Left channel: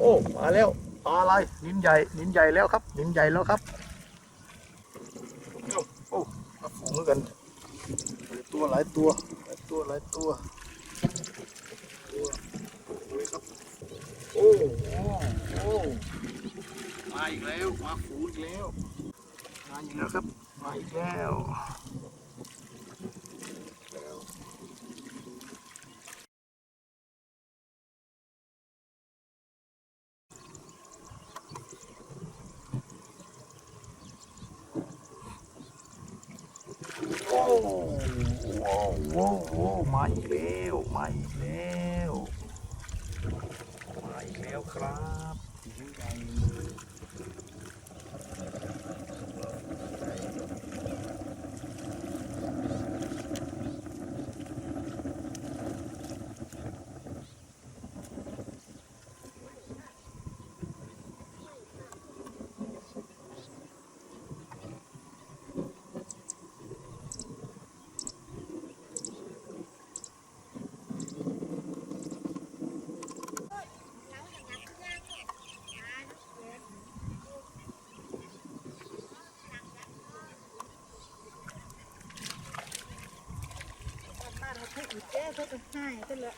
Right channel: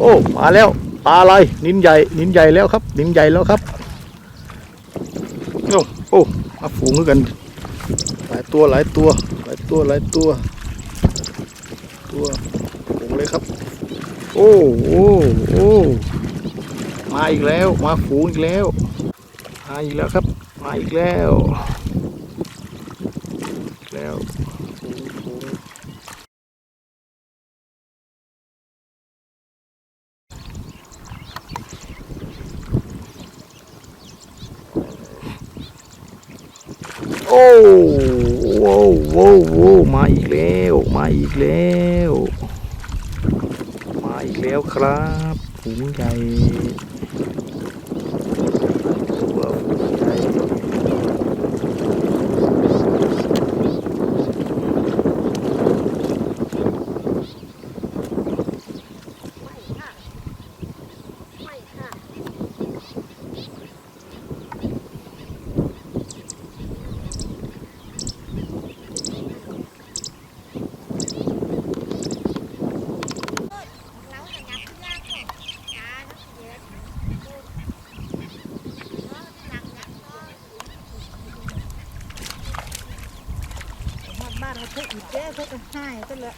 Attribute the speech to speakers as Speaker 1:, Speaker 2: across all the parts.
Speaker 1: โอ้มาแล้วปลาอะไรนินใหญ่นินใหญ่แล้วครับ นินใหญ่แล้วครับโอ้โอ้มาฝูงกัน หลายตัวหลายตัว หลายตัวหลายตัว ตัวฝูงเลยครับ โอ้โอ้โอ้มาอีกแล้ว มาฝูงอีกแล้วมาอีกแล้วครับ มาอีกแล้วอีกแล้วฝูงฝูงโอ้ โว้โว้โว้มาอีกแล้วมาอีกแล้ว มาอีกแล้วครับหูใหญ่ตัวฝูงใหญ่
Speaker 2: บ้านเราทุกอีกเจ๊ทุกให้ก็เลย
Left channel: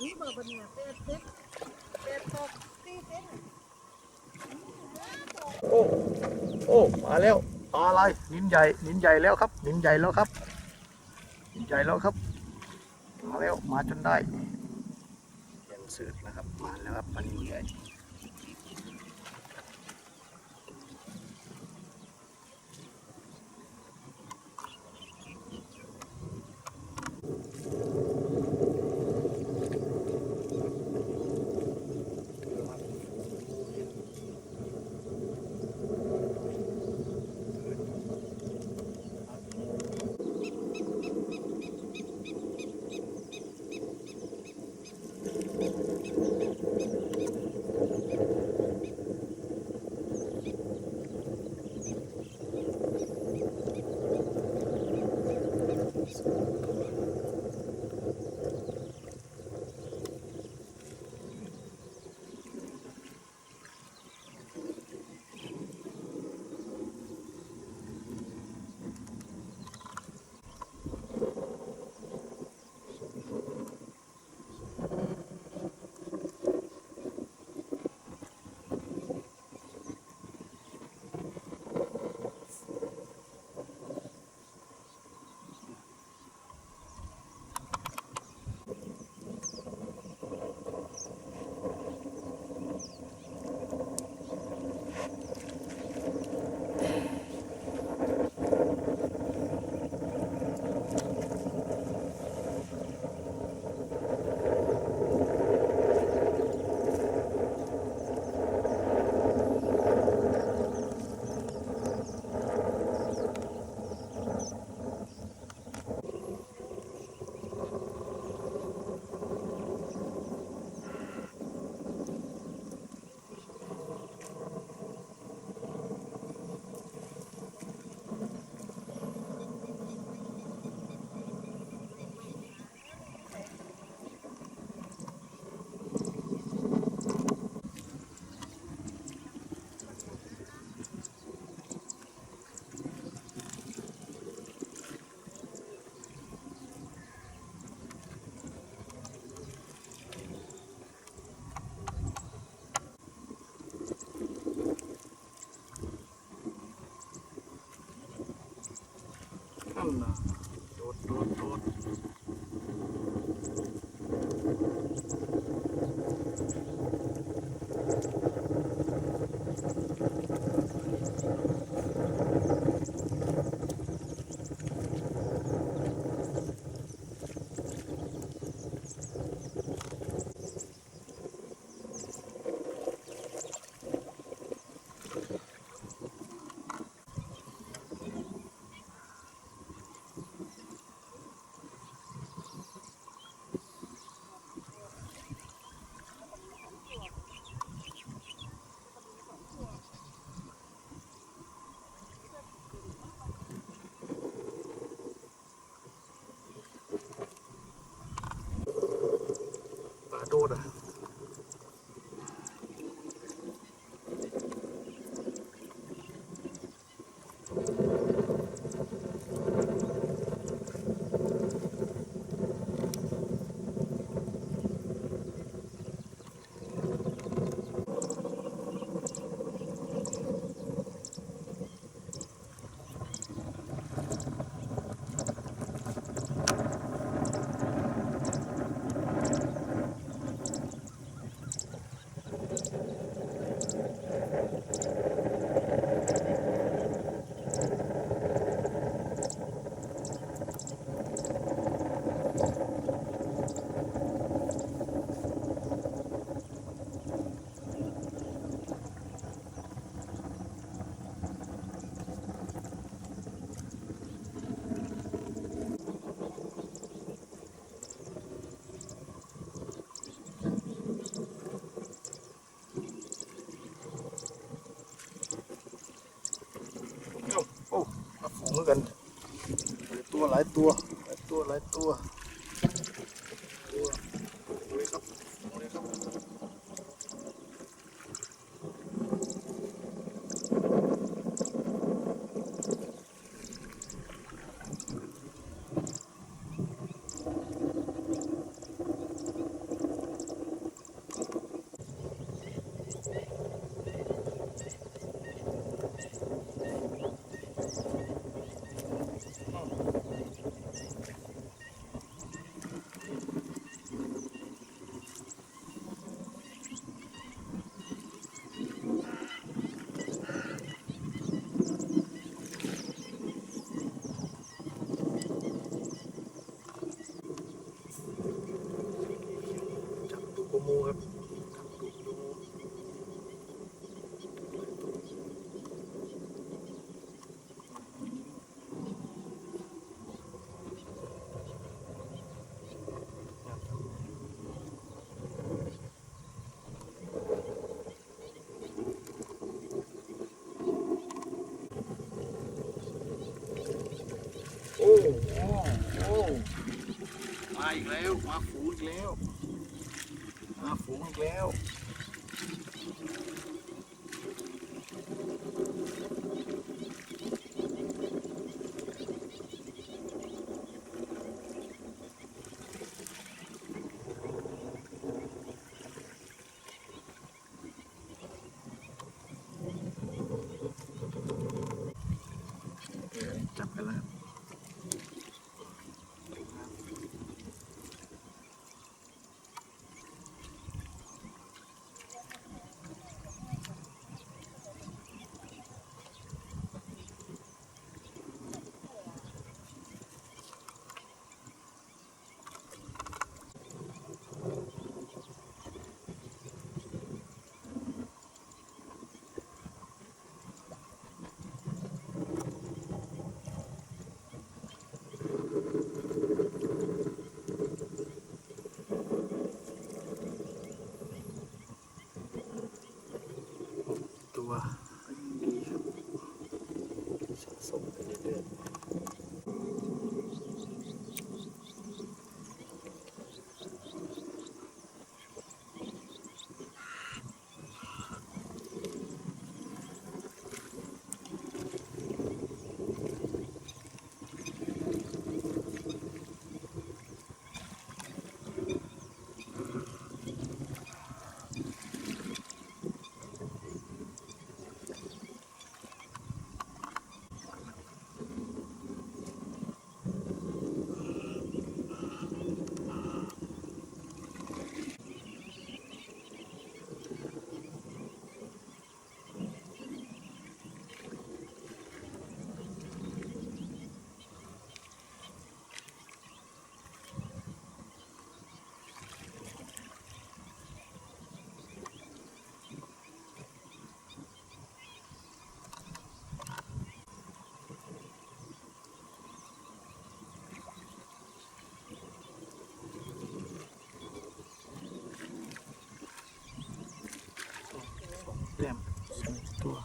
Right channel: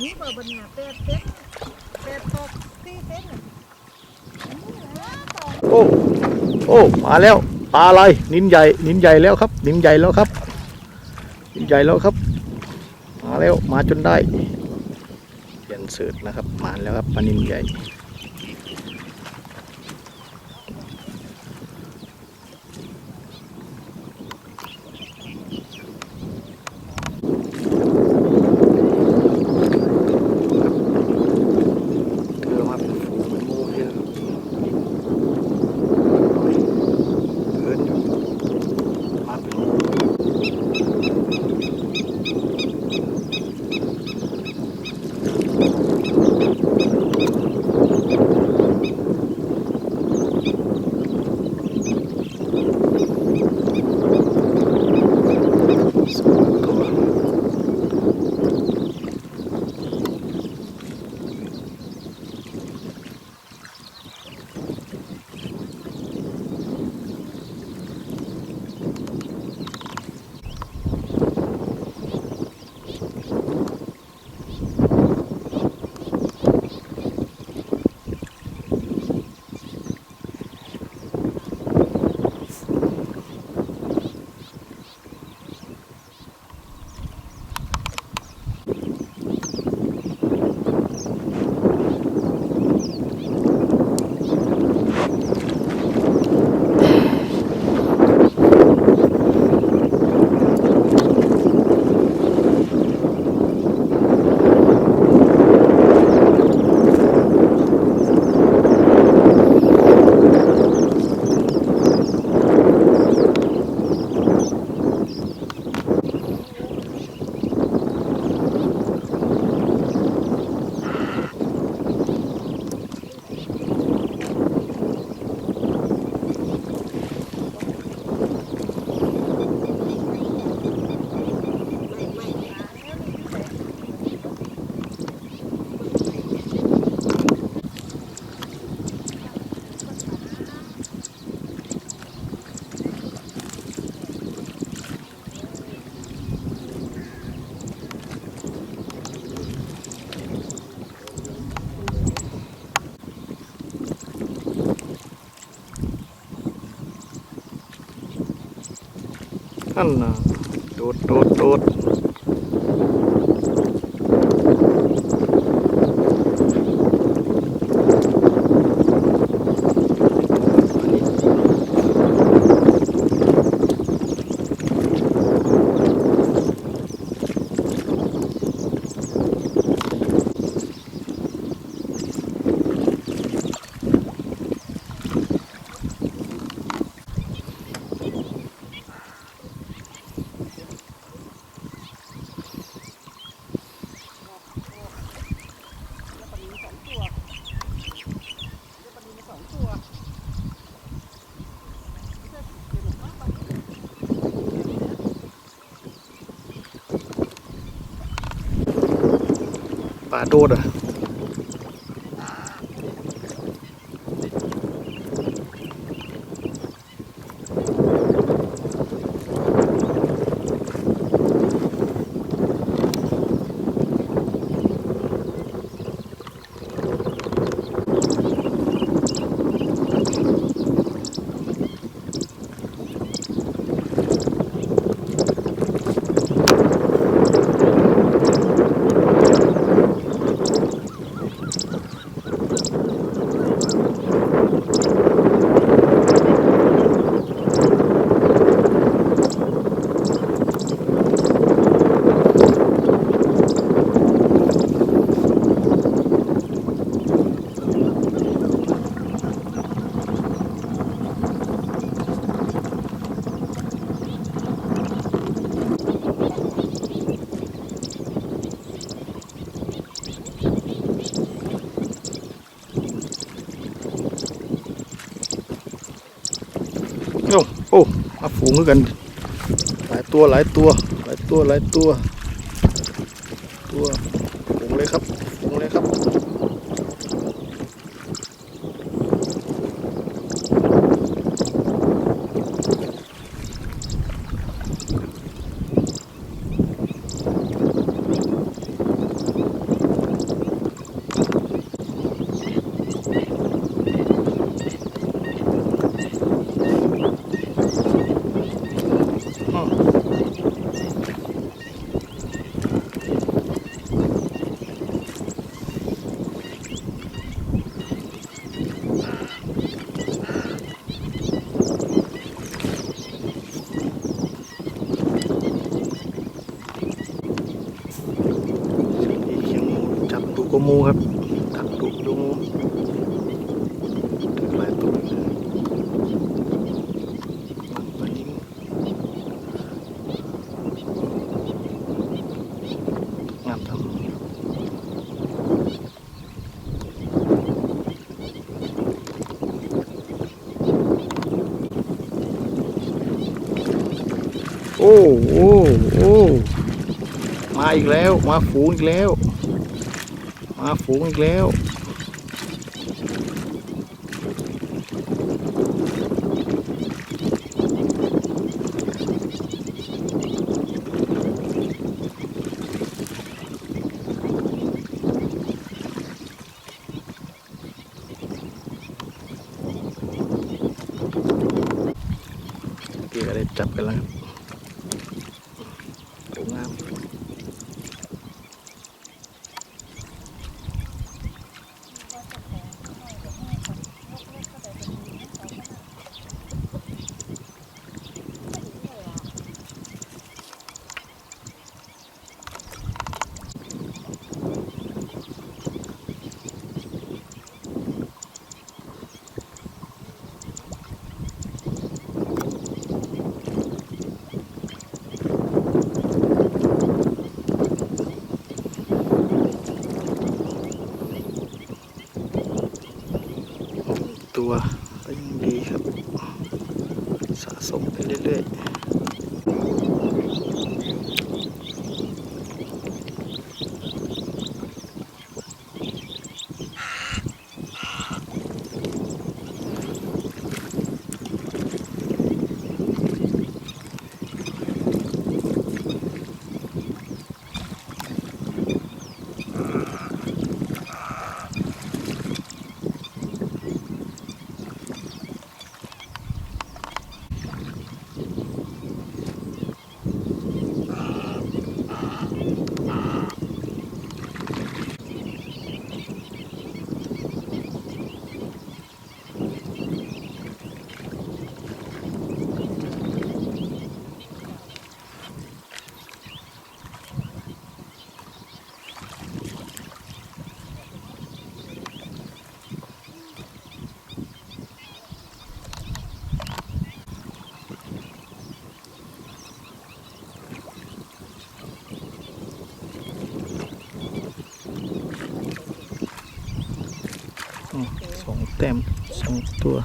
Speaker 2: นี่บอบันเนี่ยเป็ดเป็ดเป็ดตกที่เป็ด
Speaker 1: โอ้ โอ้ มาแล้ว ปลาอะไร นินใหญ่ นินใหญ่แล้วครับ นินใหญ่แล้วครับ นินใหญ่แล้วครับ มาแล้ว มาจนได้ เปลี่ยนเสือนะครับ มาแล้วครับปลานินใหญ่ นั่นนะโดดโดดโดด ปลาโดดอะ โอ้อ้มาฝูงกัน หลายตัวหลายตัว หลายตัวหลายตัว ตัวฝูงเลยครับ อ้าวอีเขียงหมูจับตุกโมูครับจับตุกดูงูถึงหลายตัวเลยไปยิงงามจังโอ้โอ้โอ้มาอีกแล้ว มาฝูงอีกแล้ว มาฝูงอีกแล้วเกี่ยวอะไรจับกันแล้วงาม ตัวก็ยังดีครับ สะสมไปเรื่อยๆอ๋อสองแต้มสองตัว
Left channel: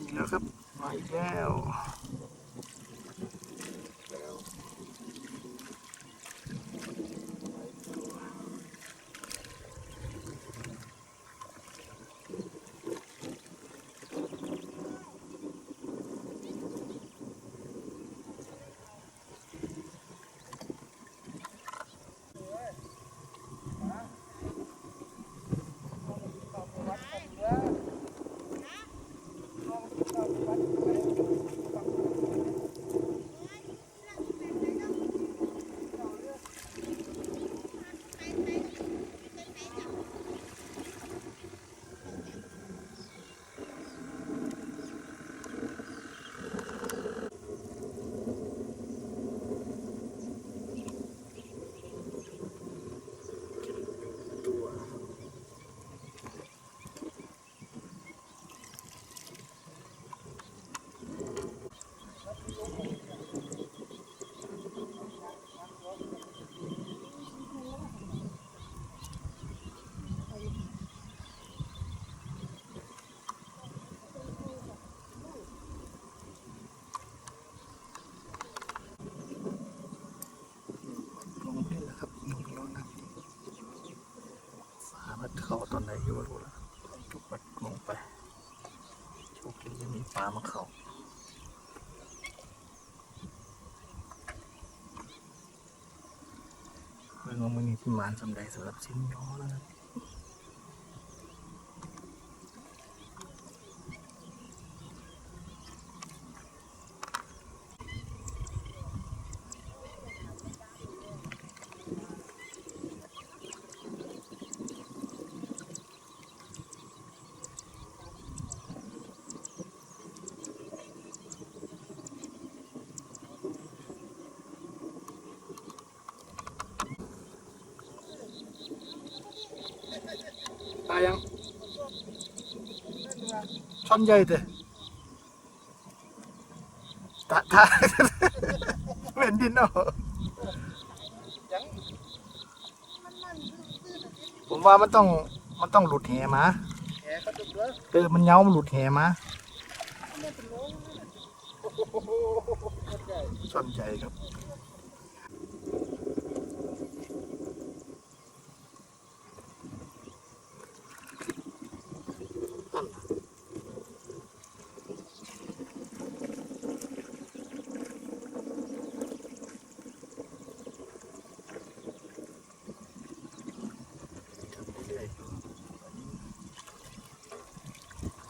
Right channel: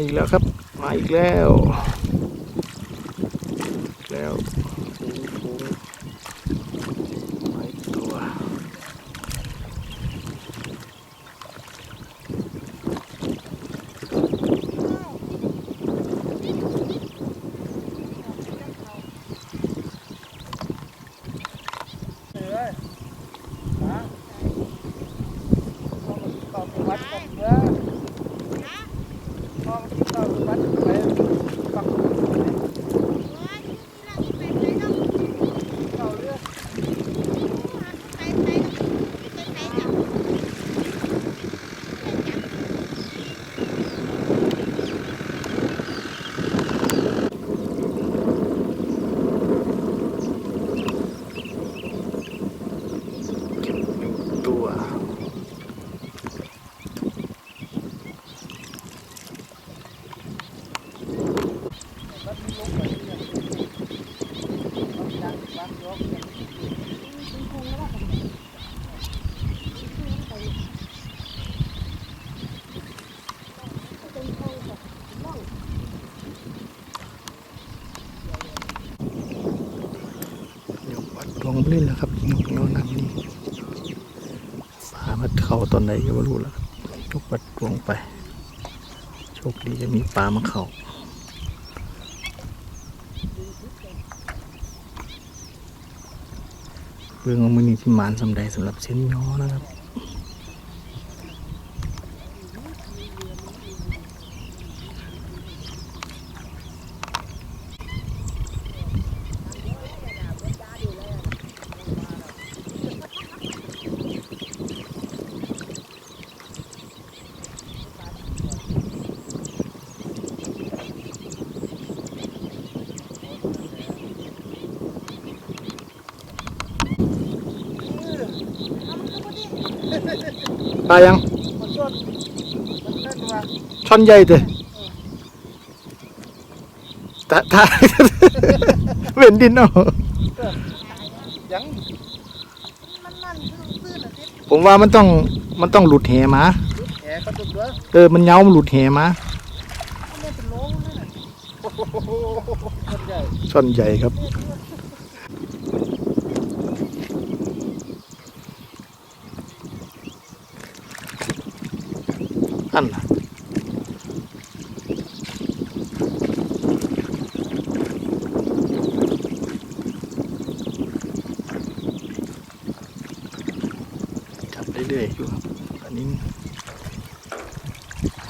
Speaker 1: อีกแล้วครับ มาอีกแล้วอีกแล้วฝูงๆมาอีกตัว ตัว เดี๋ยววัดลงลื่ นี่แหละครับนกเงน้ำนี่ปลามาเข่าตอนไหนก็ไม่รู้แล้วทุกปัดลงไป โชคดีจะมีปลามาเข่าเรื่องขอมันนี่ที่มานสำใดสำหรับเส้นย้อนะครับ ลายังช่อนใหญ่เด้แต่ถ้าเว้นดินเอา
Speaker 2: ยังมันนั่นซื่อๆน่ะ
Speaker 1: ผมว่ามันต้องมันต้องหลุดเหมา
Speaker 2: แหกระตุกเด้อ
Speaker 1: เออมันเหย้ามันหลุดเหมา
Speaker 2: มันเป็นโลนั่นน่ะโอ้โหคนใหญ่
Speaker 1: ช่อนใหญ่ครับ อันน่ะจับเรื่อยๆอยู่ครับอันนี้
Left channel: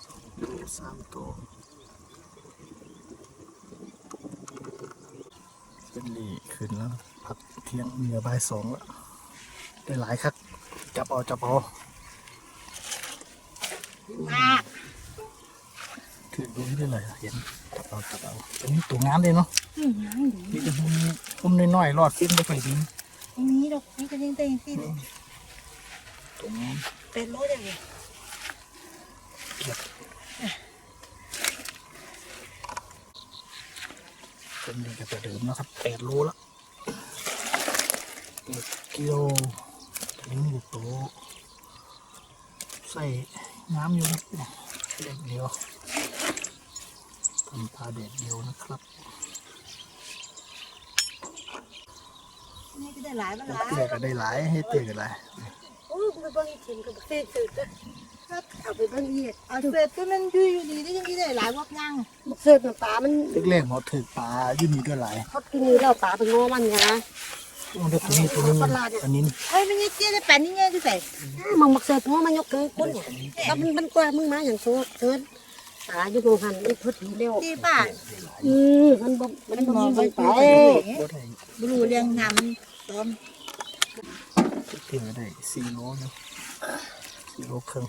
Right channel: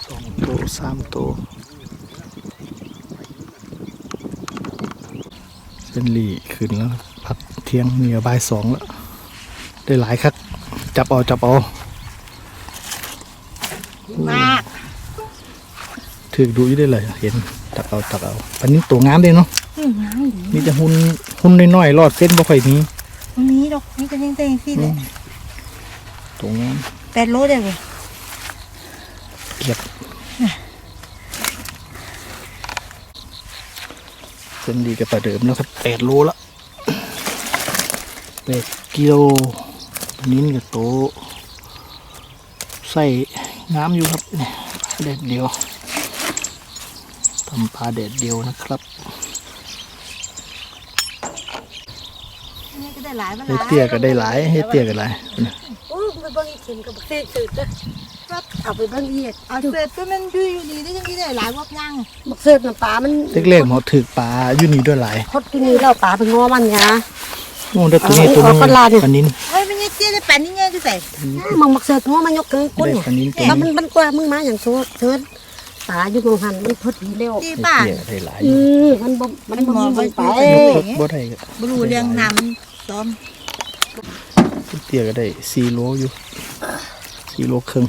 Speaker 1: สองตัวสามตัวเส้นหลีขึ้นแล้วพักเที่ยงมีบ่ายสองแล้ว ได้หลายครับ จับเอา จับเอา
Speaker 2: มาก
Speaker 1: ถือดูอยู่ได้เลย เห็นจับเอาจับเอาอันนี้ตัวงามเลยเนาะ
Speaker 2: อืมน้ำดี
Speaker 1: มีแต่หุ่นหุ่นน้อยๆรอดเส้นบ่ค่อยมี
Speaker 2: ตรงนี้ดอกนี่ก็ยังเต็งที่เลย
Speaker 1: ตัวงาม
Speaker 2: แปดโลได้เลย
Speaker 1: เกียบเส้นดีกับประเดิมแล้วครับแปดโลละแปดกิโลตัวนี้กับโตะใส่ น้ำอยู่ครับเนี่ยแดดเดียวทำปลาแดดเดียวนะครับ
Speaker 2: นี่ก็ได้หลายมาห
Speaker 1: เฮ็ด
Speaker 2: ลาย
Speaker 1: เตี้ยก็ได้หลายเฮ็ดเตี้ยก็หลาย
Speaker 3: โอ้ยไปเบิ่งอีกทีกับเศษสืดเลยเอาไปเบิ่งอีก
Speaker 2: เอาเสร็จตัวมันอยู่อยู่ดีได้ยังกี่ได้หลายวับยัง
Speaker 3: บักเศษน้ำปลามัน
Speaker 1: เล็กๆหมอถือปลาอยู่นี่ด้วยหลาย
Speaker 3: คดที่นี่แล้วปลาเป็นงอมันไง
Speaker 1: โอ้ได้ตัวนี้ตัวนึง
Speaker 3: เอาปลาดิ
Speaker 1: ปลานิ้น
Speaker 2: เฮ้ยไม่ใช่เตี้ยได้แปดนี่ไงที่ใส่
Speaker 3: มึงบักเศษงอมันยกเกินก้น
Speaker 1: ได้
Speaker 3: เนี่ย
Speaker 1: ปลานิ้นตัว
Speaker 3: แล้ว
Speaker 1: นึ
Speaker 3: มัน
Speaker 1: ง
Speaker 3: มันกว่ามึงมาอย่างโซ่เชิญปลาอยู่ตรงหันมันพอดีเร็ว
Speaker 2: ที่
Speaker 1: เฮ็ด
Speaker 2: บ้าน
Speaker 1: เตี้ยก็ได้หลาย
Speaker 3: อืมมันบ่มันบ่มีไป
Speaker 2: เอ้
Speaker 1: ยกบ่ได้ก็
Speaker 2: บรูเรียงน้ำซ้อม
Speaker 1: เฮ็ดเตี้ยก็ได้สี่โลอยู่สี่โลครึ่ง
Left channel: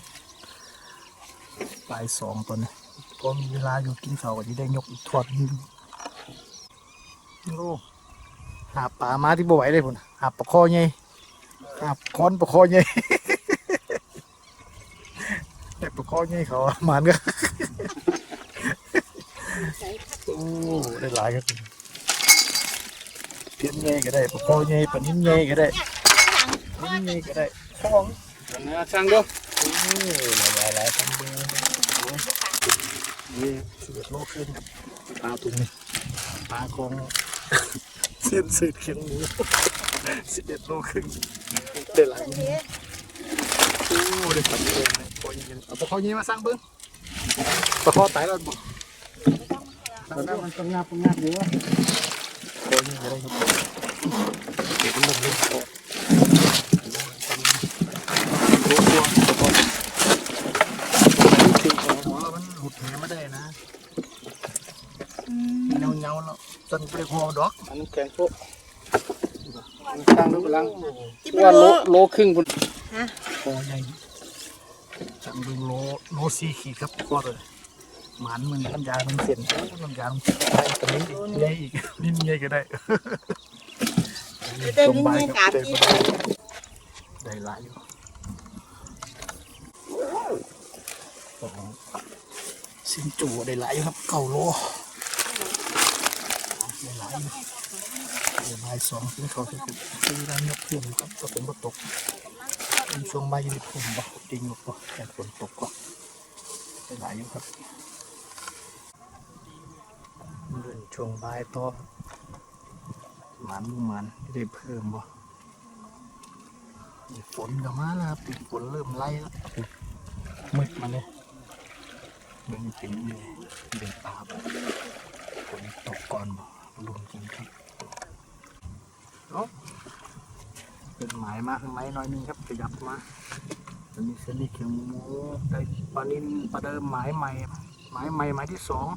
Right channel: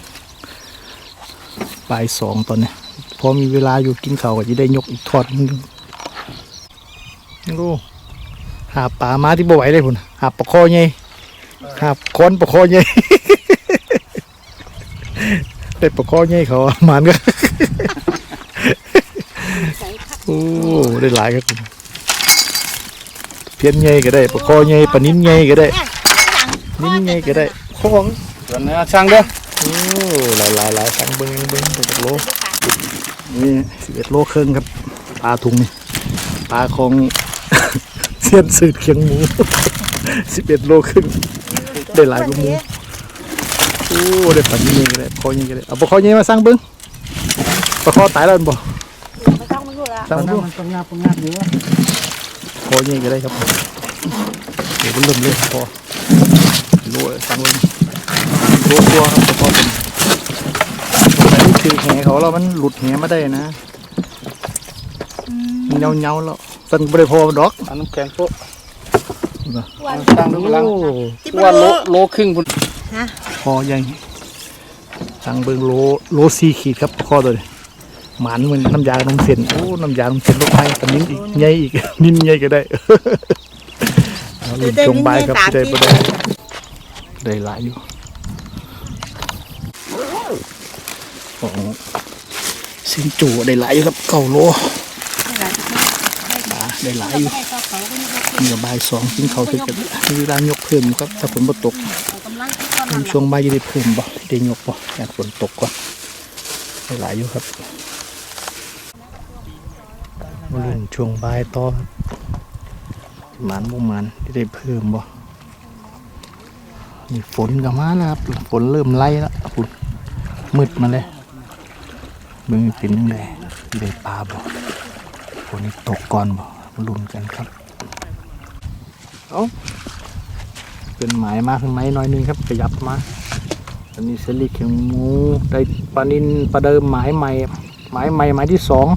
Speaker 1: ปลายสองตอนเนี้ยพอมีเวลาอยู่กินข้าวก็จะได้ยกอีกทอดนึงดู หาปลามาที่บ่ไหวเลยพุ่นหาปลาคอใหญ่หาค้อนปลาคอใหญ่ได้ปลาคอใหญ่เขาอะมันก็โอ้ได้หลายครับผมเพี้ยนใหญ่ก็ได้ปลาคอใหญ่ปลานิ้นใหญ่ก็ได้นิ้นใหญ่ก็ได้ครับผม
Speaker 4: ส่วนเนื้อช่างเด้อ
Speaker 1: โอ้หลายหลายหลายสั่งเบิ้งเบิ้งตัวตกโลนี่สิบเอ็ดโลครึ่งครับปลาถุงนี่ปลาของ เสียนสืดเคียงหมูสิบเอ็ดโลครึ่งได้หลายกว่าหมูโอ้ได้ปลาเงี้ยก็ได้คอเงี้ยก็ได้เอาปลาคอเงี้ยมาสั่งเบิ้งปลาคอตายแล้วแม่นบ่
Speaker 3: ไม่ต้องมาดูละ
Speaker 1: สั่ง
Speaker 4: ตอน
Speaker 1: เบิ้
Speaker 4: นั้น
Speaker 1: ง
Speaker 4: มันก็งับก็งับอยู่ว่า
Speaker 1: คอเงี้ยก็ได้ครับเดี๋ยวมันเริ่มเลยคอโลสั่งเบิ้งโลตัวครับปลาคอเป็นแต่นี่ถือแหเขาแล้วมันหลุดแหมาได้นะมันเงาๆแล้ว ตั้งบริโภคดอก
Speaker 4: อันน้ำแข็งโป๊ะ
Speaker 3: วัน
Speaker 4: ตั้งดูกำลัง
Speaker 1: โอ้
Speaker 2: ที่
Speaker 4: ว่า
Speaker 2: มัน
Speaker 4: โล
Speaker 2: โล
Speaker 4: โลครึ่งพุ่น
Speaker 2: ฮะ
Speaker 1: คอใหญ่สั่งเบิ้งโลโลสี่ขีดครับคอตัวนี้หมันเหมือนน้ำยาน้ำเส้นโอ้น้ำยาน้ำเส้นลูกไผ่กันนี้อีกใหญ่อีกนิ่นใหญ่ก็ได้เอาลิ้นจงใบครับได้บ่ได้ได้หลายอยู่ของสินจูได้หลายอยู่ครับเก้าโลปลา ได้หลายอยู่มีกับใบายสองกินเขาวเป็นกันมีเวลายกเพิ่มครับ ถ้าฝนบ่ตกช่วงบ่ายจะได้เพิ่มบ่ได้ยกบ่อยากฝนตกก่อนได้หลายอยู่ครับมาเล่นช่วงบ่ายต่อครับหมันบ่หมันจะได้เพิ่มบ่นี่ฝนก็มาแล้วครับฝนเริ่มไล่แล้วฝนมืดมาเลยเบิ่งเป็นยังไงได้ปลาบ่ฝนตกก่อนบ่มา ลุ้นกันครับ เอาเป็นหมายมาขึ้นไหมน้อยนึงครับขยับมาอันนี้เซรีเขียงมูได้ปลานินปลาเดิมหมายใหม่หมายใหม่หมายที่สอง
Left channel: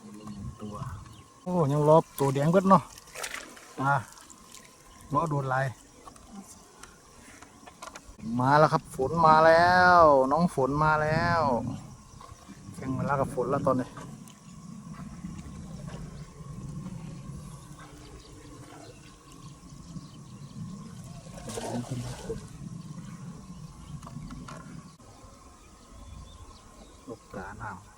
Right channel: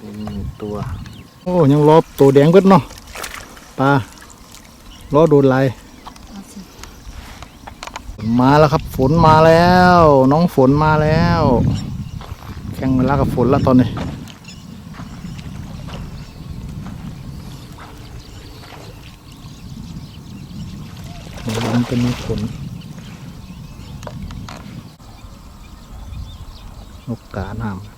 Speaker 1: หนึ่งตัว โอ้ยังรอตัวแดงเบิดเนาะปลารอโดนไหลาย มาแล้วครับ ฝนมาแล้ว น้องฝนมาแล้วแข่งเวลากับฝนแล้วตอนนี้มันเป็นฝนนกกาน้ำ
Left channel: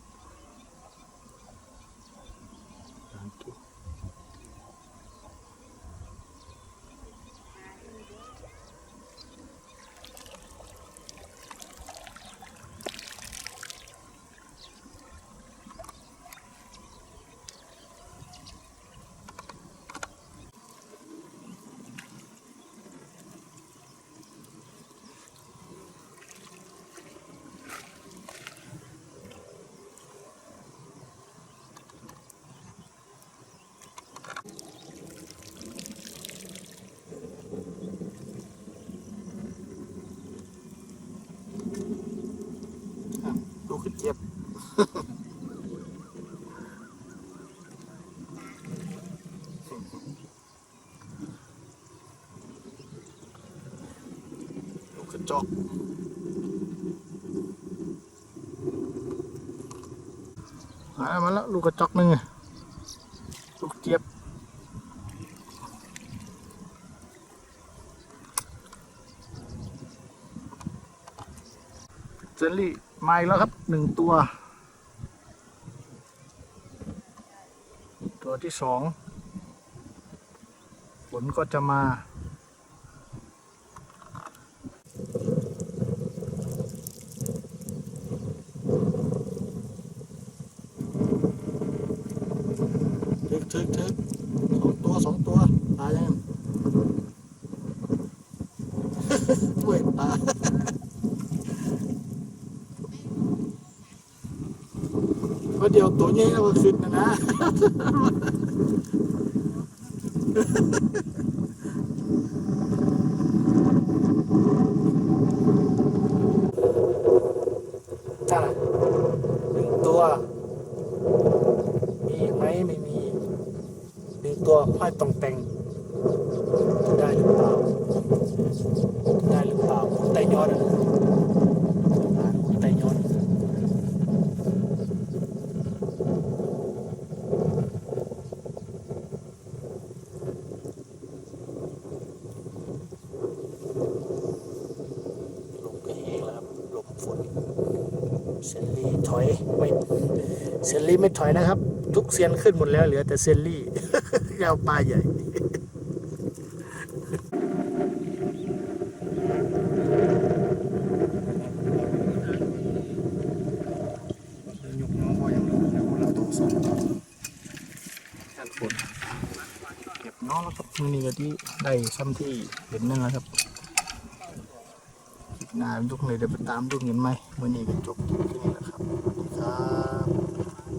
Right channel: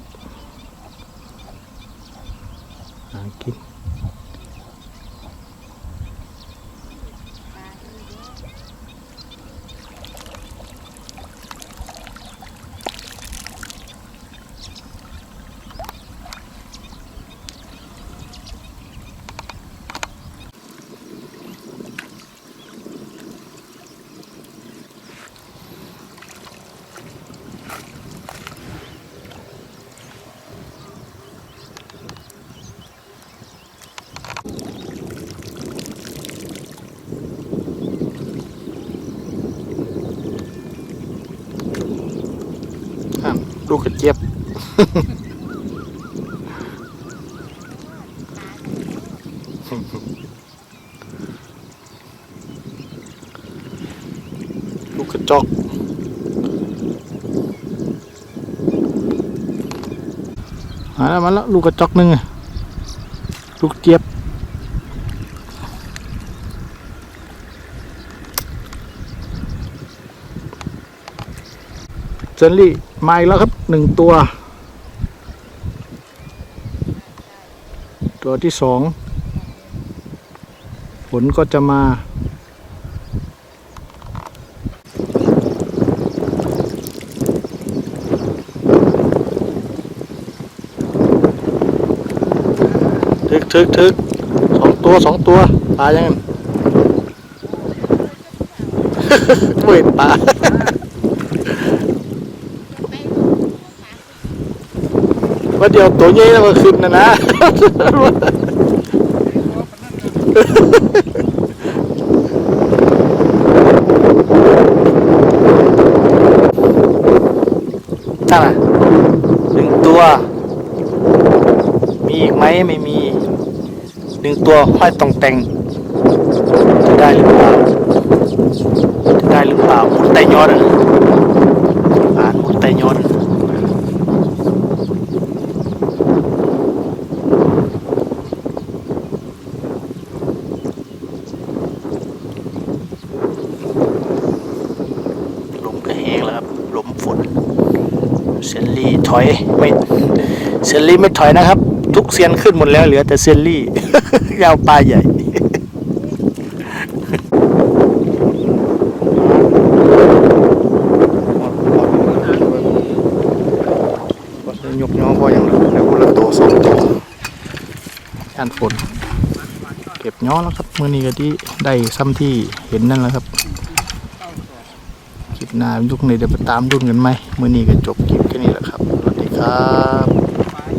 Speaker 1: หากินอะ ลูกกระเจี๊ยบลูกกระจอกมาแล้วมาแล้วลูกกระจอกหนึ่งลูกเจี๊ยบ เจนลี่มาอีกแล้วครับหนึ่งตัว ตัวที่สองฝนก็จะมาทึกทึกทึกสองตัวสองตัวปลายังไง ไม่เห็นปลา ว่าเดี๋ยวตัวใหญ่แล้วมาขึ้นนะนะนั่นน่ะหนึ่งตัว มีอีกไหมไม่มีหนึ่งตัวห้อยตองแต่ง อยไม่เซนลี่ไม่ถอยนะครับ ทุกเซียนขึ้นหมดแล้วเหลือแต่เซนลี่ยาวปลาใหญ่ยกน้องพออย่างแล้วคนละตัสองตัอันฝนเก็บย้อแล้วครับเมื่อนี้ก็ที่ได้ซ้ำที่เห็นนั่นแล้วครับคลิปหน้ายุคนี้จะไปตามรุ่นกันไหมเมื่อนี้ก็จบคลิป 他